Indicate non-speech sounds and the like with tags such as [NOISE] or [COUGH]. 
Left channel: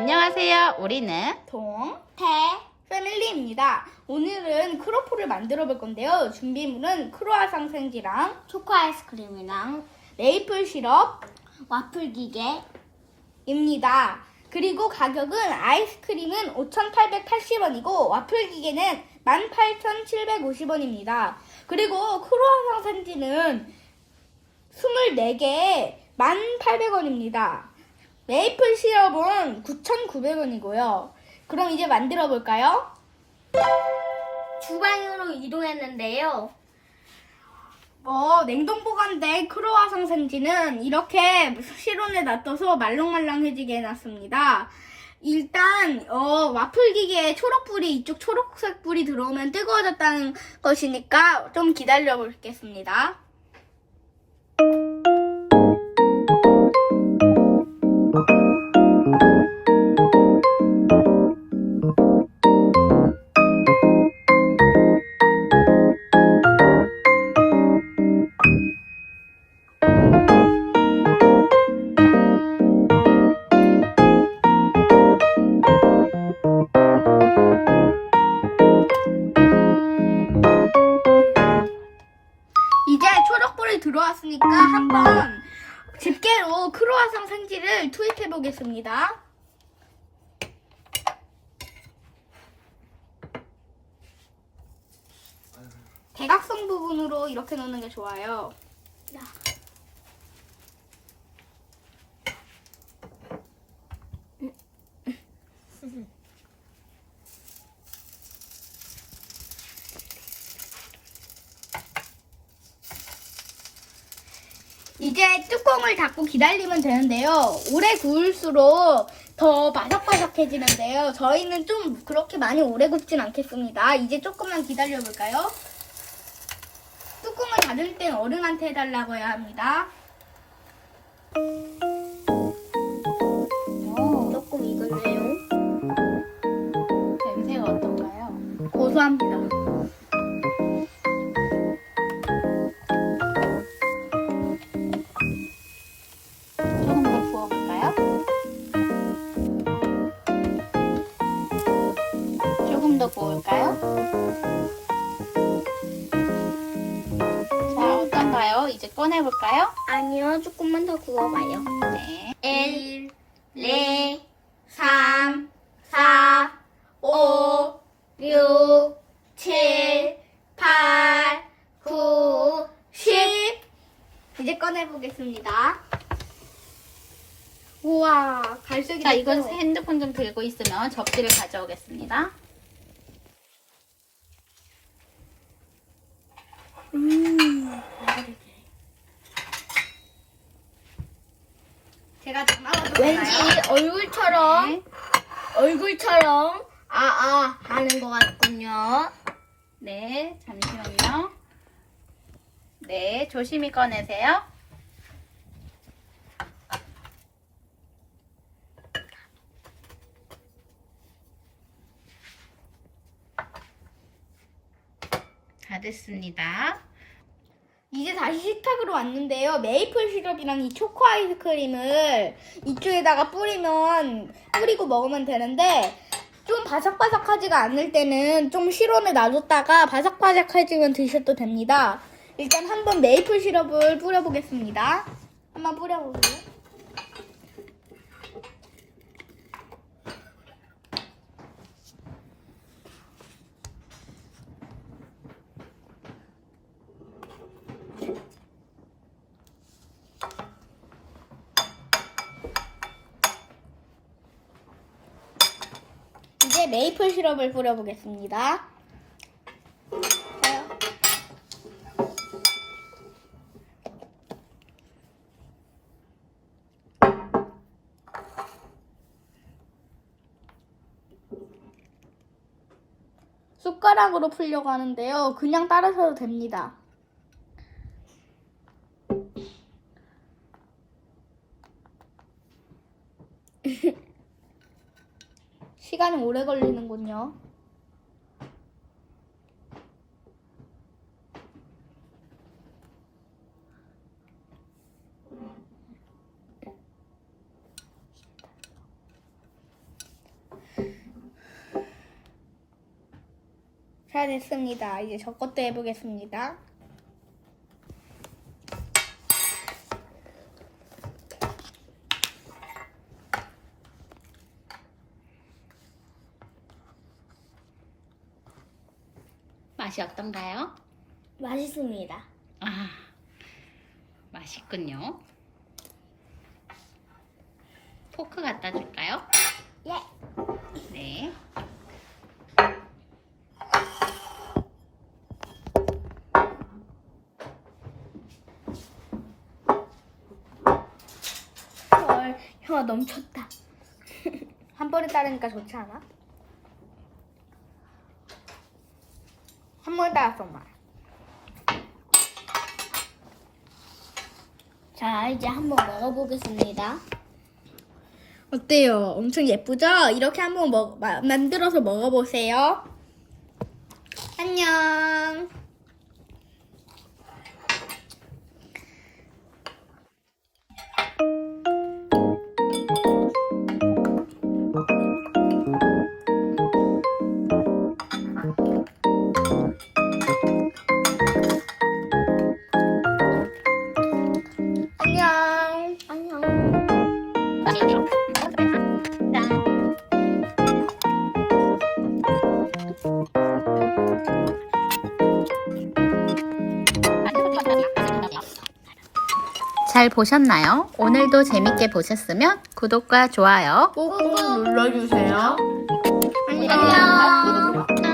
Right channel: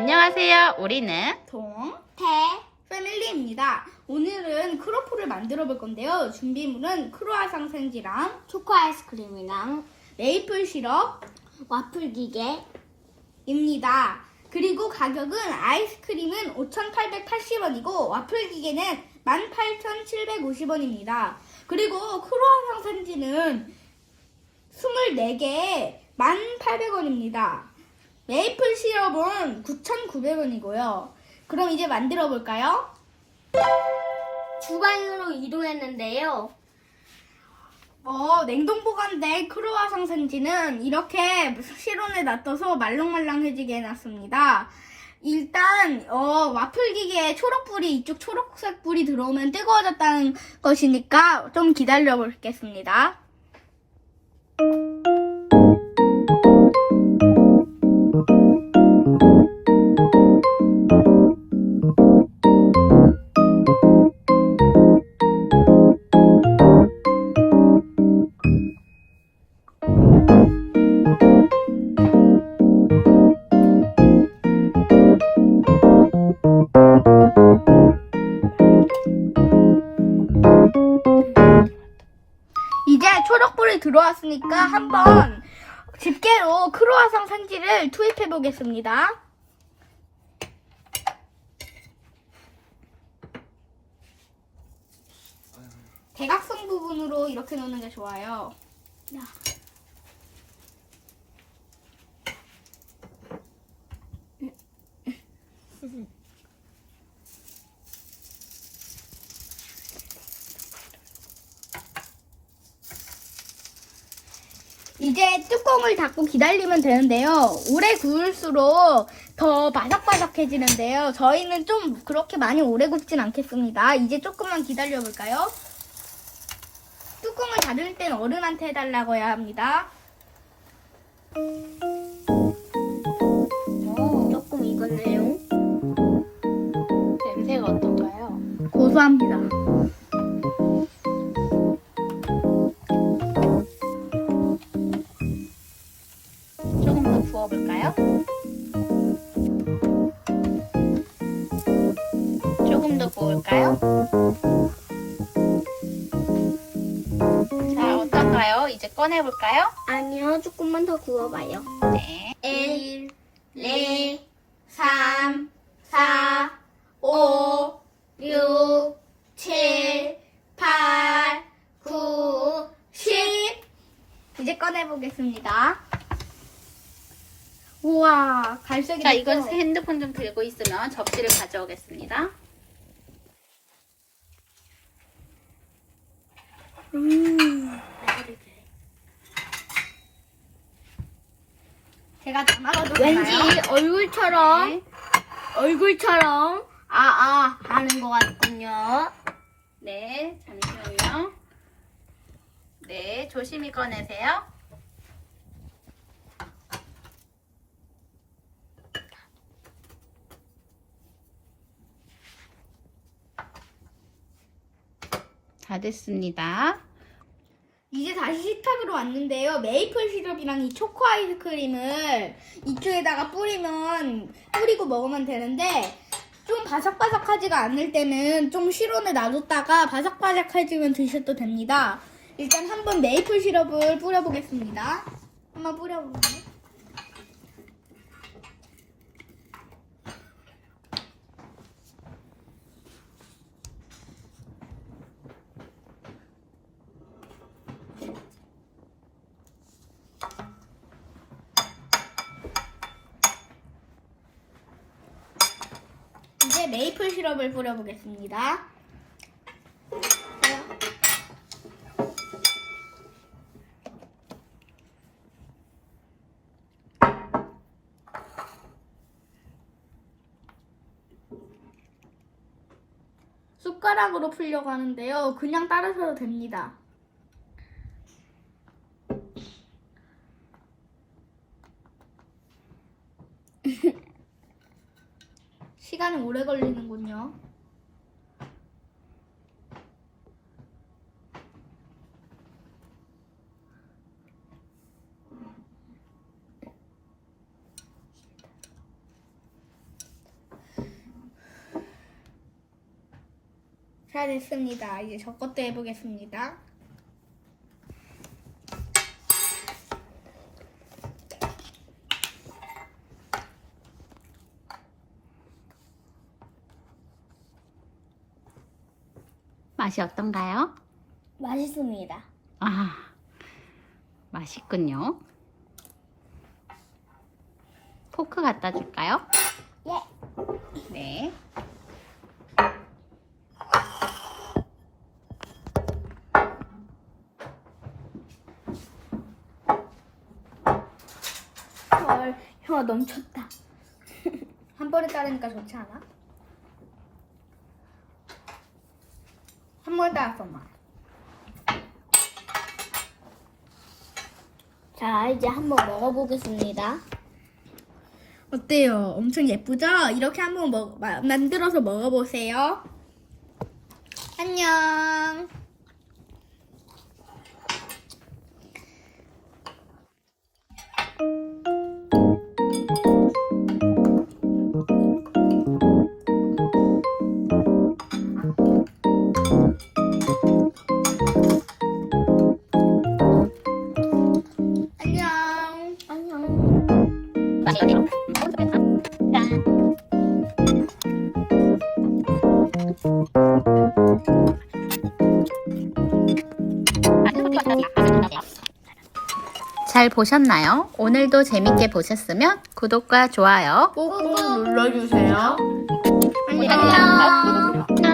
안녕하세요. 우리는 동, 태, 패밀리입니다. 오늘은 크로플을 만들어 볼 건데요. 준비물은 크로아상 생지랑 초코 아이스크림이랑 메이플 시럽입니다. 와플 기계 그리고 가격은 아이스크림은 5,880원이고 와플 기계는 18,750원입니다. 그리고 크로아상 생지는 24개에 1,800원입니다. 메이플 시럽은 9,900원이고요. 그럼 이제 만들어 볼까요? 주방으로 이동했는데요. 어, 냉동 보관된 크로아상 생지는 이렇게 실온에 놔둬서 말랑말랑해지게 해놨습니다. 일단 어, 와플 기계에 초록불이 이쪽 초록색 불이 들어오면 뜨거워졌다는 것이니까 좀 기다려 보겠습니다. 이 생지를 투입해 보겠습니다. 대각선 부분으로 이렇게 넣는 게 좋아요. 이제 뚜껑을 닫고 기다리면 되는데요. 오래 구울수록 더 바삭바삭해지는데요. 저희는 좀 그렇게 많이 오래 굽진 않겠습니다. 이제 조금만 기다려볼까요? 뚜껑을 닫을 땐 어른한테 해달라고 해야 합니다. 부을까요? 자, 어떤가요? 이제 꺼내볼까요? 아니요, 조금만 더 구워봐요. 네. 1, 네, 3, 4, 5, 6, 7, 8, 9, 10. 이제 꺼내보겠습니다. 우와, 갈색이 자, 이건? 핸드폰 좀 들고 있으면 접시를 가져오겠습니다. 제가 담아도 왠지 얼굴처럼, 얼굴처럼, 아, 아, 하는 것 같군요. 네, 잠시만요. 네, 조심히 꺼내세요. 다 됐습니다. 이제 다시 식탁으로 왔는데요. 메이플 시럽이랑 이 초코 아이스크림을 이쪽에다가 뿌리면 뿌리고 먹으면 되는데 좀 바삭바삭하지가 않을 때는 좀 실온에 놔뒀다가 바삭바삭해지면 드셔도 됩니다. 일단 한번 메이플 시럽을 뿌려보겠습니다. 한번 뿌려보세요. 이제 메이플 시럽을 뿌려보겠습니다. 숟가락으로 풀려고 하는데요. 그냥 따라서도 됩니다. [LAUGHS] 시간은 오래 걸리는군요. 잘 됐습니다. 이제 저 것도 해보겠습니다. 맛이 어떤가요? 맛있습니다. 아, 맛있군요. 포크 갖다 줄까요? 예. 네. 헐, 혀가 넘쳤다. [LAUGHS] 한 번에 따르니까 좋지 않아? 한 번에 따라서 막. 자, 이제 한번 먹어보겠습니다. 어때요? 엄청 예쁘죠? 이렇게 한번 먹, 마- 만들어서 먹어보세요. 안녕. 잘 보셨나요? 오늘도 재밌게 보셨으면 구독과 좋아요 꾹꾹 눌러주세요. 안녕.